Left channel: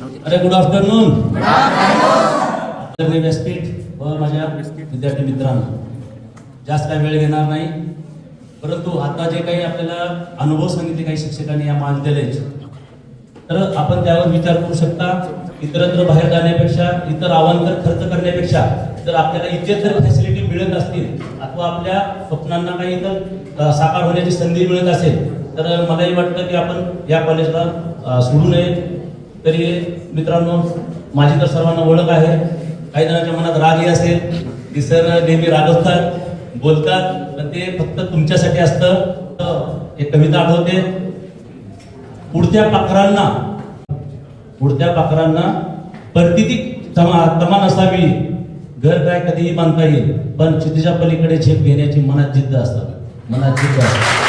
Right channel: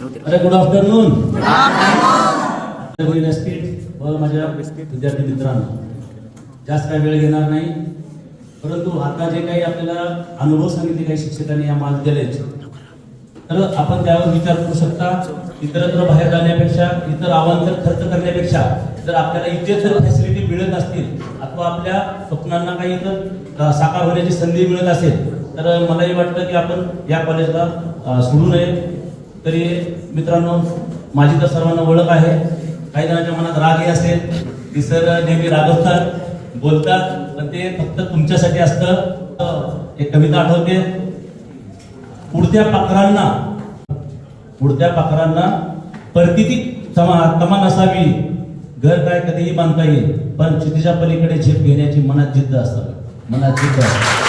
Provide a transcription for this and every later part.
अरे good afternoon व्यासपीठ व माझ्या विद्यार्थी मित्रांनो. जास्त काही वेळ घेणार नाही. परंतु आता जे काही आपल्याला अनुभव सांगितले काही शिक्षकांनी या महाविद्यालयाचे तर आपण त्यावर विचार करू शकता. इतरत्र बाहेर जाण्यापेक्षा इतर आव्हान खर्च करण्यापेक्षा जर आपल्याला इथे जर फॅसिलिटी मिळत असतील अथवा आपल्या स्वप्नांना काही तर साकार होण्याची संधी मिळत असेल तर मलाही वाटतं की आपण या कॉलेजला सोडू नये. तरी मित्रांनो माझी तर सर्वांना ओळख आहे. काही जणांच्या मनात रागही असेल. ते सर नेहमी रागवतात बोलतात पण ते फक्त तुमच्यासाठी असतं. एक कविता आठवते उडत्या पाखरांना उडत्या पाखरांना परतीची तमा तमा नसावी घर काय कधीही बांधता येईल पण क्षितिजा पलीकडे झेप घेण्याची मनात जिद्द असावी. मनात जिद्द असावी.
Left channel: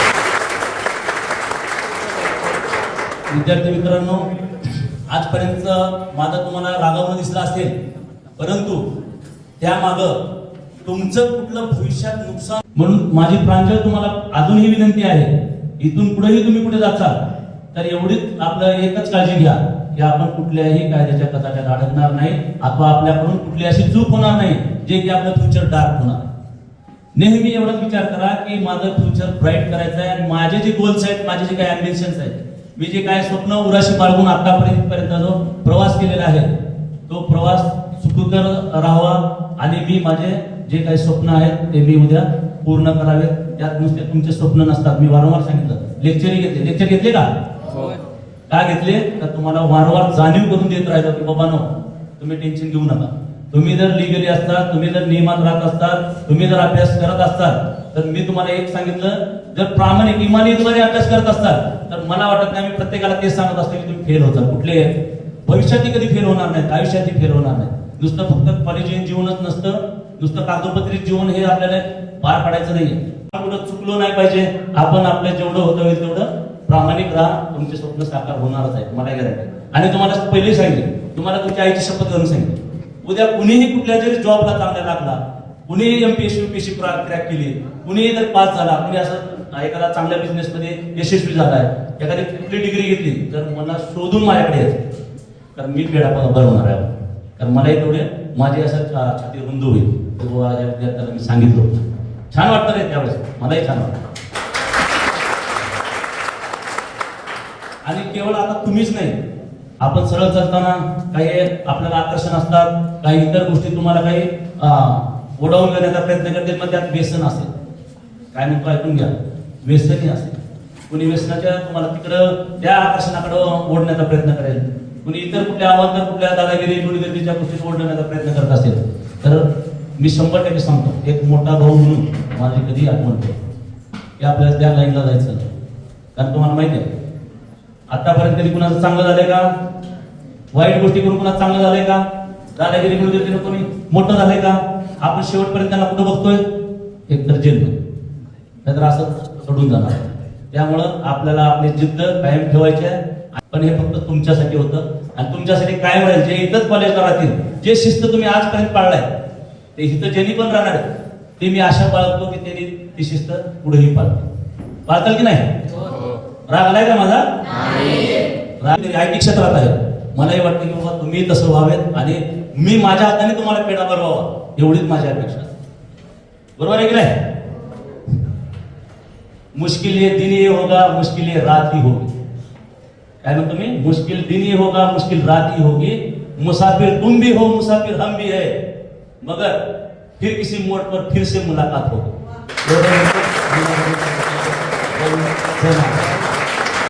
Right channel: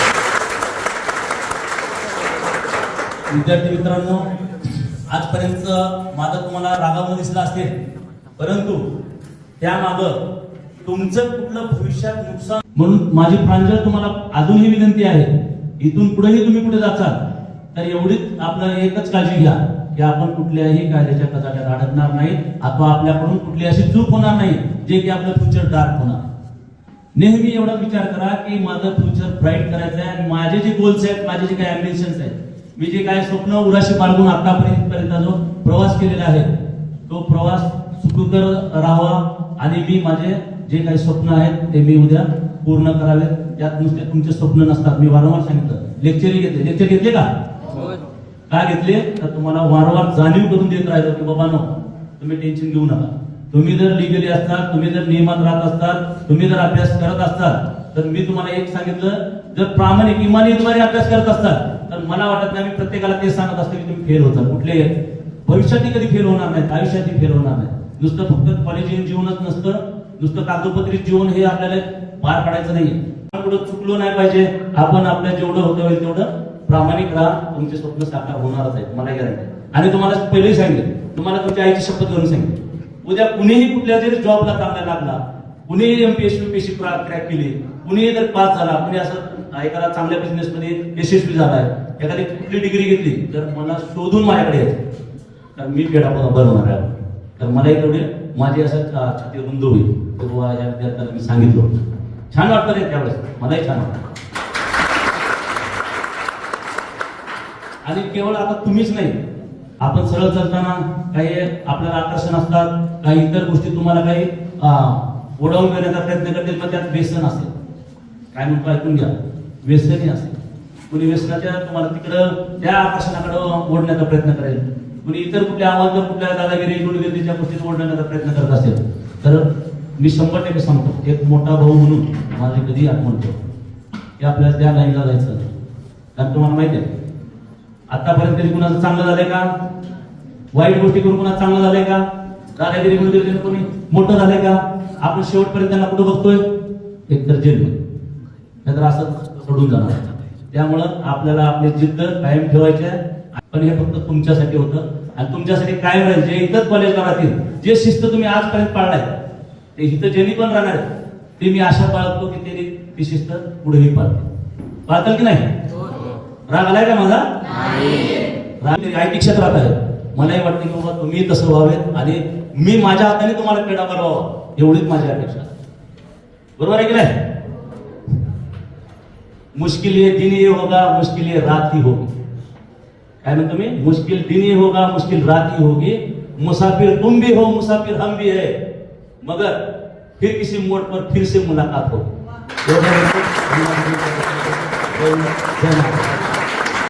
विद्यार्थी मित्रांनो आजपर्यंत माझं तुम्हाला रागावं दिसलं असेल परंतु त्यामाग तुमचं कुठलं भविष्यात नुकसान म्हणून माझी प्रांजळ तुम्हाला अजूनही विनंती आहे इथून पुढेही तुम्ही कुठे जाचाल तर एवढीच आपलं एकच काळजी घ्या की आपण कुठल्याही कायद्याच्या कचाट्यात अडकणार नाही अथवा आपल्याकडून कुठली अशी चूक होणार नाही जे की आपलं फ्युचर डार्क होणार. नेहमी एवढा विचार करा की माझं फ्युचर ब्राईट करायचं आहे आणि माझे जे गोल्स आहेत माझे जे काही अम्बिशन्स आहेत मी जे काही स्वप्न उराशी बाळगून आतापर्यंत पर्यंत जो प्रवास केलेला आहे तो प्रवास सुखकर राहावा आणि मी माझे जे काही स्वप्न आहेत ते मी उद्या पूर्ण करावे. त्यात नुसते तुमचे स्वप्न नसतात. मी वारंवार सांगितलं. लेक्चरही घेतले. लेक्चर घेतले का? काय घेतले? तर तुम्हाला वारंवार जाणीव करून देत राहिलो की बाबा नो तुम्ही टेन्शन घेऊ नका. तुम्ही जर लिगली असतात तुम्ही जर नियमात राहत असतात तुम्ही जर अभ्यास करत असतात तर मी तुम्हाला एक सांगितलं जर प्रामाणिक इमानीद्वारे अभ्यास करत असतात तर मला वाटत नाही मी प्रत्येकाला ते सांगत असतो की तुम्ही फेल होता कुठले? भविष्यातही कधी फेल होणार नाहीत आयुष्यात फेल होणार नाही नुसतं फक्त कॉलेज जीवनच नसतं नुसतं कागदपत्री जीवन हे आपल्याला पार पाडायचं नाही कुठं चुकलो नाही पाहिजे आपण आपलं जेवढं होतं होईल तेवढं प्रामाणिक राहा तुमचे स्वप्न साकार होणारच आहे मला गॅरंटी आणि तुम्हाला पहिलेही सांगितलं तुम्हाला तुमच्या आईची शपथ घेऊन सांगितलं. उद्या कुणीही कुठल्या जरी जॉबला चांगला लागला कुणीही M P S UPSC crack केली कुणीही जर पास झाला कुणी असं एखादा चांगल्या बिझनेसमध्ये यशस्वी झालाय एखादी कुठली डिग्री घेतली तर मला शोधून माझ्याकडे यायचं. मी खेळापासून बरं होणार आहे. तर मलाही तेवढे माझी असं छाती रुंद होईल. ते तुम्हाला ज्या विद्यार्थ्यांना मी सांगितलं होतं. छान वाटतं रे त्यावेळेस. मलाही छान वाटतं आणि केवळ आता तुम्हीच नाही आपण सरळ चालताना काही आपल्याला आकर्षण असतात काही इतर गोष्टी तुम्हाला काही उडवून घेण्याचा प्रयत्न करते पण त्यात व्यसन असेल काय म्हणतो ऐकून घ्या. व्यसनही असेल कुणी व्यसनाच्या तुम्हाला तिकडं त्या आकर्षणाकडे ओढण्याचा प्रयत्न करेल. कुणी इतर कुठल्या आव्हान कुठल्या दादागिरी गुडगतीच्या गोष्टीत ओढण्याचा प्रयत्न करत असेल. तर मी शंभर टक्के सांगतो एक मोठा भाऊ म्हणून माझी कधी आठवते की आपल्याला त्या लाईनला जायचं कारण तुम्हाला माहिती आहे आतापर्यंत कधी कुणाचं चांगलं झालंय का? वाईट गोष्टी करून कुणाचं चांगलं झालंय का? दादागिरी म्हणून तिथं कोणी मोठं झालंय का? आपण शेवटपर्यंत त्यांना कुठं बघतोय? एकतर जेल नाहीतर असं सोडून जाणार. त्यामुळं आपल्याला आपली जिद्द कायम ठेवायची आहे. पण हे फक्त तुमच्यासाठी होतं. आणि तुमच्यासाठी काय राहील. जे इथंच कॉलेजला राहतील जे शिस्त तुम्ही आजपर्यंत पाळलाय ते इथं ज्यांनी पण राहणार ते मी आशा पाळतो की त्यांनी ती शिस्त पुढेही पाळतो पाळताल की नाही? राग आलाय का माझा? राग क्षेत्रात आहे मलाही वाटतं की बाबा तुम्ही तसं व्हावेत आणि मी माझ्या हाताने तुम्हाला पेढा बनवावा एवढीच माझी अपेक्षा. बरोबर आहे की नाही? मुश्किल ये दिन ये होगा मुश्किल ये रात ही होगी. काय म्हणतो मी मुश्किल दिन ही होगा मुश्किल रात ही होगी. मुसाफिर तुम भी हो मुसाफिर हम भी है. मगर फिर किसी मोड़ पर फिर से मुलाकात होगी.